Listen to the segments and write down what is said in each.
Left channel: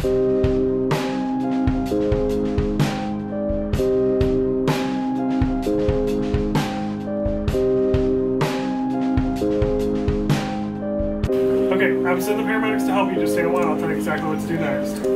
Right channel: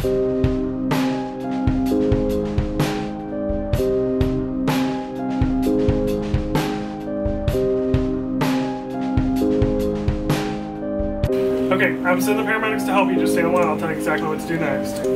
Okay, I'm sending the paramedics to help you. Just stay on line. I'll tell you exactly what to do next.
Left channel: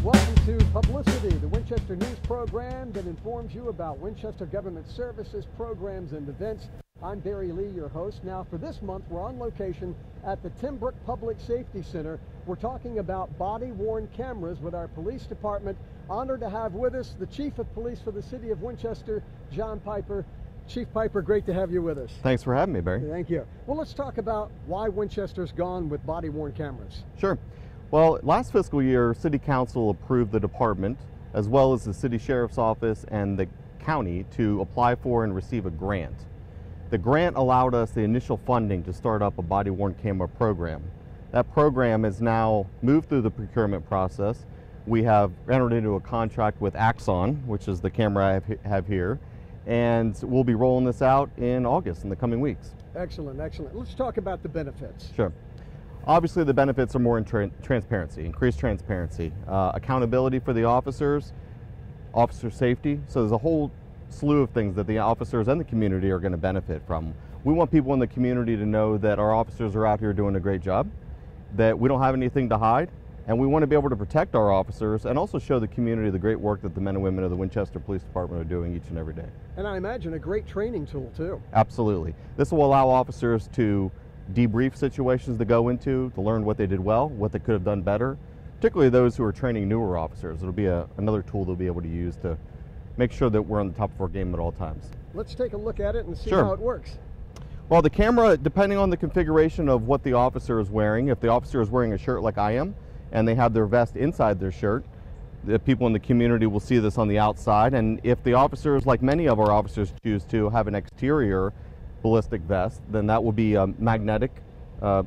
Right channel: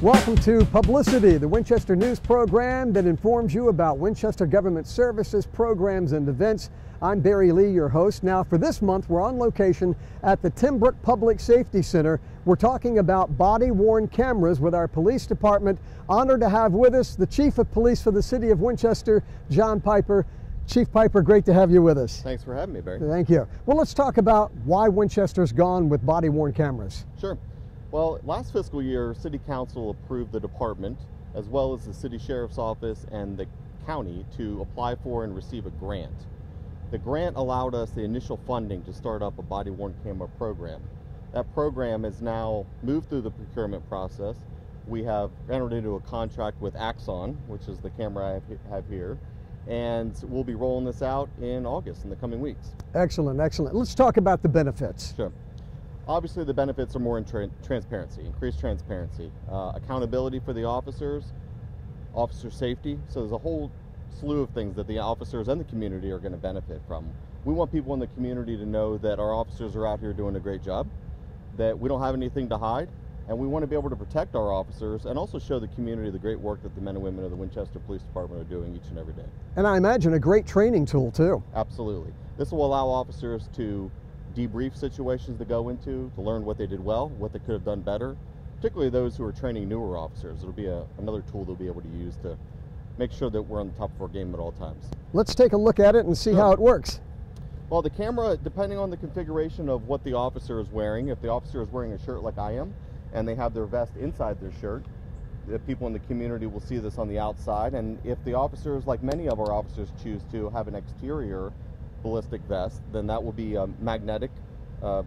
Welcome to publiCITY, the Winchester news program that informs you about Winchester government services, programs, and events. I'm Barry Lee, your host. Now, for this month, we're on location at the Timbrook Public Safety Center. We're talking about body-worn cameras with our police department. Honored to have with us the Chief of Police for the City of Winchester, John Piper. Chief Piper, great to have you with us. Thanks for having me, Barry. Thank you. Well, let's talk about why Winchester's gone with body-worn cameras. Sure. Well, last fiscal year, City Council approved the department, as well as the City Sheriff's Office and the county, to apply for and receive a grant. The grant allowed us the initial funding to start up a body-worn camera program. That program has now moved through the procurement process. We have entered into a contract with Axon, which is the camera I have here, and we'll be rolling this out in August, in the coming weeks. Excellent, excellent. Let's talk about the benefits. Sure. Obviously, the benefits are more in transparency, increased transparency, accountability for the officers, officer safety. So there's a whole slew of things that the officers and the community are going to benefit from. We want people in the community to know that our officers are out here doing a great job, that we don't have anything to hide, and we want to be able to protect our officers and also show the community the great work that the men and women of the Winchester Police Department are doing each and every day. And I imagine a great training tool, too. Absolutely. This will allow officers to debrief situations to go into, to learn what they did well, what they could have done better, particularly those who are training newer officers. It'll be another tool they'll be able to use to make sure that we're on the top of our game at all times. Let's take a look at it and see how it works. Well, the camera, depending on the configuration of what the officer is wearing, if the officer is wearing a shirt like I am, and they have their vest inside their shirt, the people in the community will see this on the outside. And if the officers, like many of our officers, choose to have an exterior ballistic vest, then that will be magnetic on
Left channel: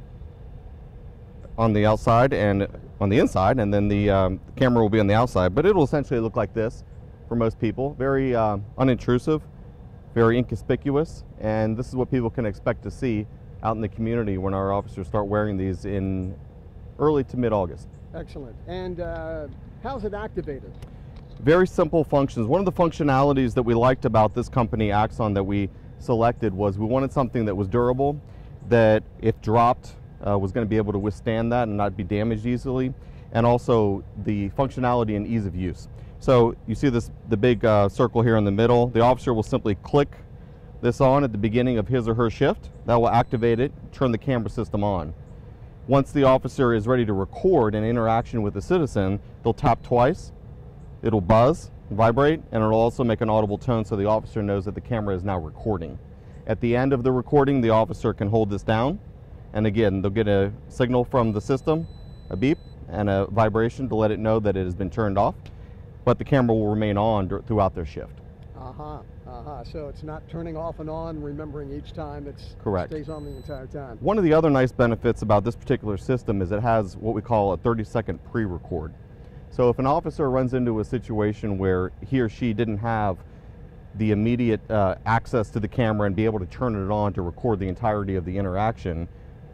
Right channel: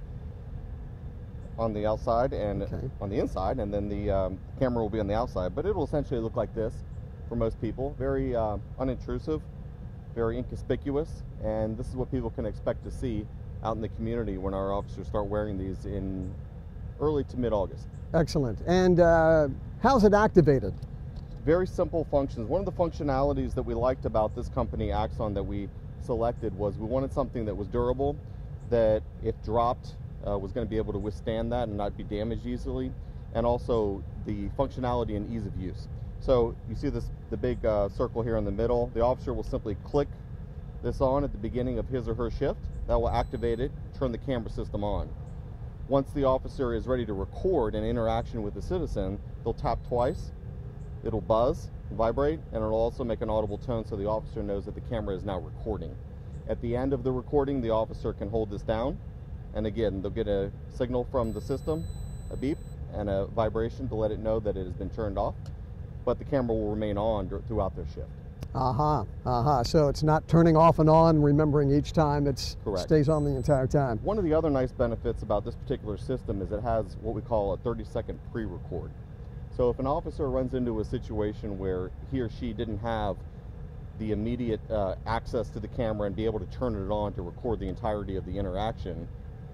the outside and on the inside, and then the camera will be on the outside. But it'll essentially look like this for most people. Very unintrusive, very inconspicuous, and this is what people can expect to see out in the community when our officers start wearing these in early to mid-August. Excellent. And how's it activated? Very simple functions. One of the functionalities that we liked about this company, Axon, that we selected was we wanted something that was durable, that if dropped was going to be able to withstand that and not be damaged easily, and also the functionality and ease of use. So you see the big circle here in the middle. The officer will simply click this on at the beginning of his or her shift. That will activate it, turn the camera system on. Once the officer is ready to record an interaction with the citizen, they'll tap twice, it'll buzz, vibrate, and it'll also make an audible tone so the officer knows that the camera is now recording. At the end of the recording, the officer can hold this down, and again, they'll get a signal from the system, a beep, and a vibration to let it know that it has been turned off, but the camera will remain on throughout their shift. So it's not turning off and on, remembering each time, it stays on the entire time. One of the other nice benefits about this particular system is it has what we call a 30-second pre-record. So if an officer runs into a situation where he or she didn't have the immediate access to the camera and be able to turn it on to record the entirety of the interaction,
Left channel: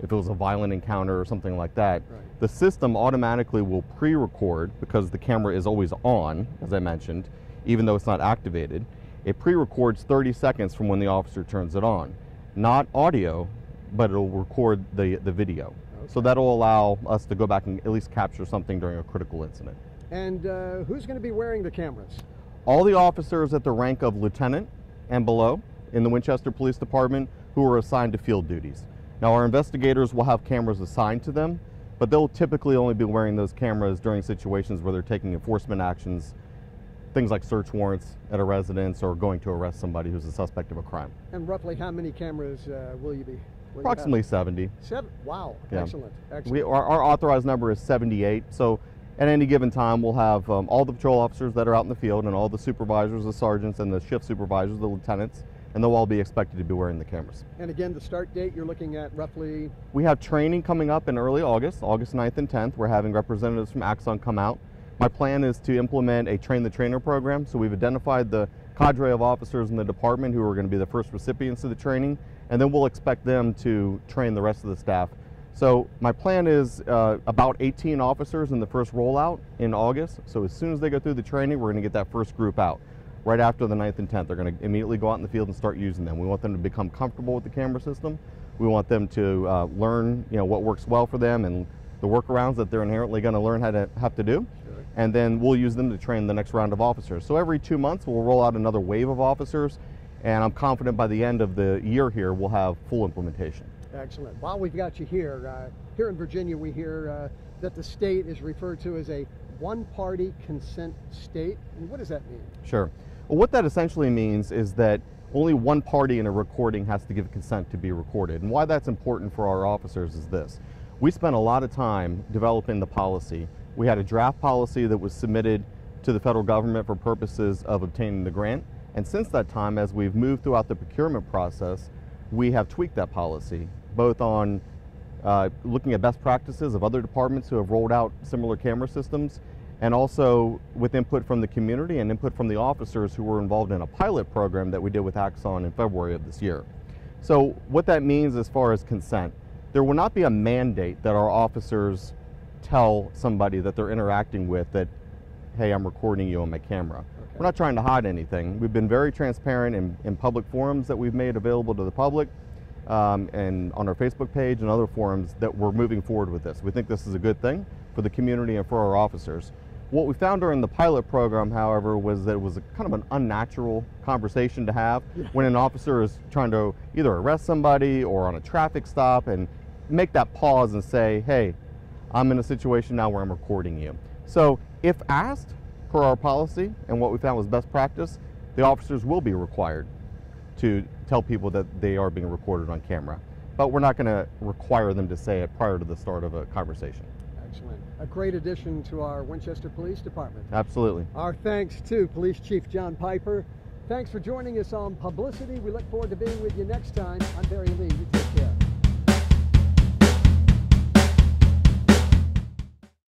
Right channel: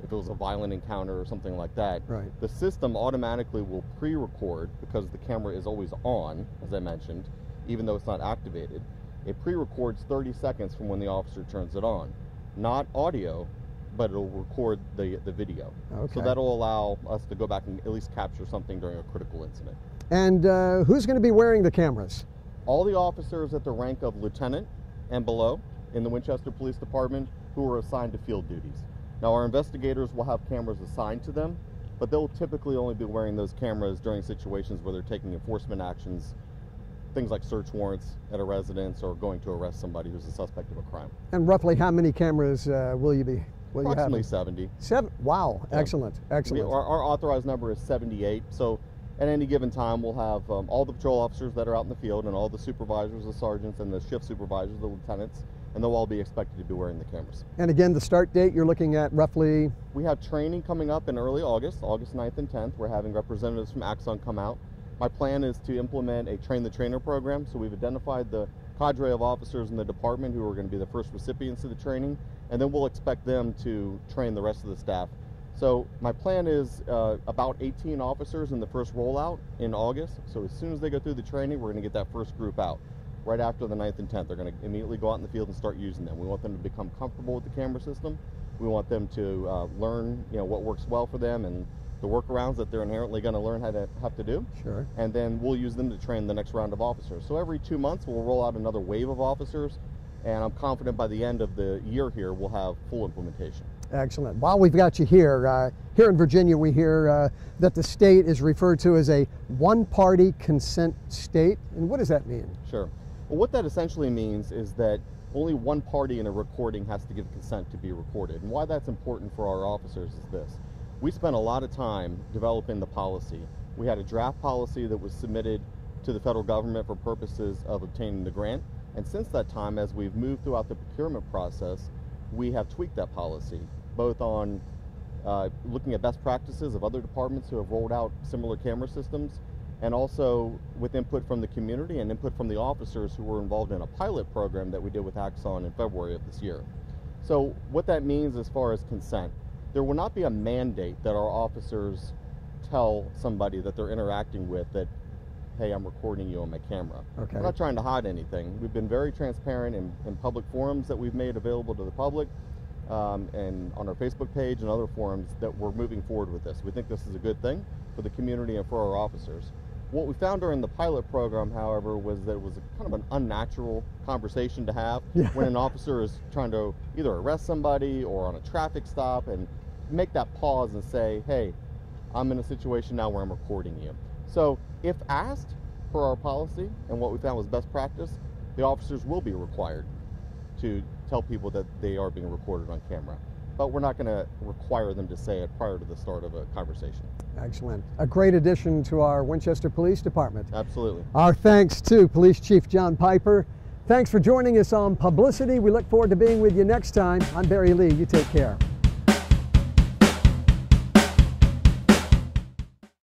if it was a violent encounter or something like that, the system automatically will pre-record, because the camera is always on, as I mentioned, even though it's not activated. It pre-records 30 seconds from when the officer turns it on. Not audio, but it'll record the video. So that'll allow us to go back and at least capture something during a critical incident. And who's going to be wearing the cameras? All the officers at the rank of lieutenant and below in the Winchester Police Department who are assigned to field duties. Now, our investigators will have cameras assigned to them, but they'll typically only be wearing those cameras during situations where they're taking enforcement actions, things like search warrants at a residence or going to arrest somebody who's a suspect of a crime. And roughly how many cameras will you be? Approximately 70. Wow, yeah. Excellent. Our authorized number is 78, so at any given time we'll have all the patrol officers that are out in the field and all the supervisors, the sergeants, and the shift supervisors, the lieutenants, and they'll all be expected to be wearing the cameras. And again, the start date you're looking at roughly? We have training coming up in early August, August 9th and 10th. We're having representatives from Axon come out. My plan is to implement a train the trainer program, so we've identified the cadre of officers in the department who are going to be the first recipients of the training, and then we'll expect them to train the rest of the staff. So my plan is about 18 officers in the first rollout in August. So as soon as they go through the training, we're going to get that first group out. Right after the 9th and 10th, they're going to immediately go out in the field and start using them. We want them to become comfortable with the camera system. We want them to learn, what works well for them and the workarounds that they're inherently going to learn how to have to do. Sure. And then we'll use them to train the next round of officers. So every 2 months, we'll roll out another wave of officers, and I'm confident by the end of the year here, we'll have full implementation. Excellent. While we've got you here, here in Virginia, we hear that the state is referred to as a one-party consent state. And what does that mean? Sure. Well, what that essentially means is that only one party in a recording has to give consent to be recorded. And why that's important for our officers is this. We spent a lot of time developing the policy. We had a draft policy that was submitted to the federal government for purposes of obtaining the grant. And since that time, as we've moved throughout the procurement process, we have tweaked that policy, both on looking at best practices of other departments who have rolled out similar camera systems, and also with input from the community and input from the officers who were involved in a pilot program that we did with Axon in February of this year. So what that means as far as consent, there will not be a mandate that our officers tell somebody that they're interacting with that, hey, I'm recording you on my camera. Okay. We're not trying to hide anything. We've been very transparent in public forums that we've made available to the public, and on our Facebook page and other forums that we're moving forward with this. We think this is a good thing for the community and for our officers. What we found during the pilot program, however, was that it was kind of an unnatural conversation to have when an officer is trying to either arrest somebody or on a traffic stop and make that pause and say, hey, I'm in a situation now where I'm recording you. So if asked per our policy and what we found was best practice, the officers will be required to tell people that they are being recorded on camera. But we're not going to require them to say it prior to the start of a conversation. Excellent. A great addition to our Winchester Police Department. Absolutely. Our thanks to Police Chief John Piper. Thanks for joining us on publiCITY. We look forward to being with you next time. I'm Barry Lee. You take care.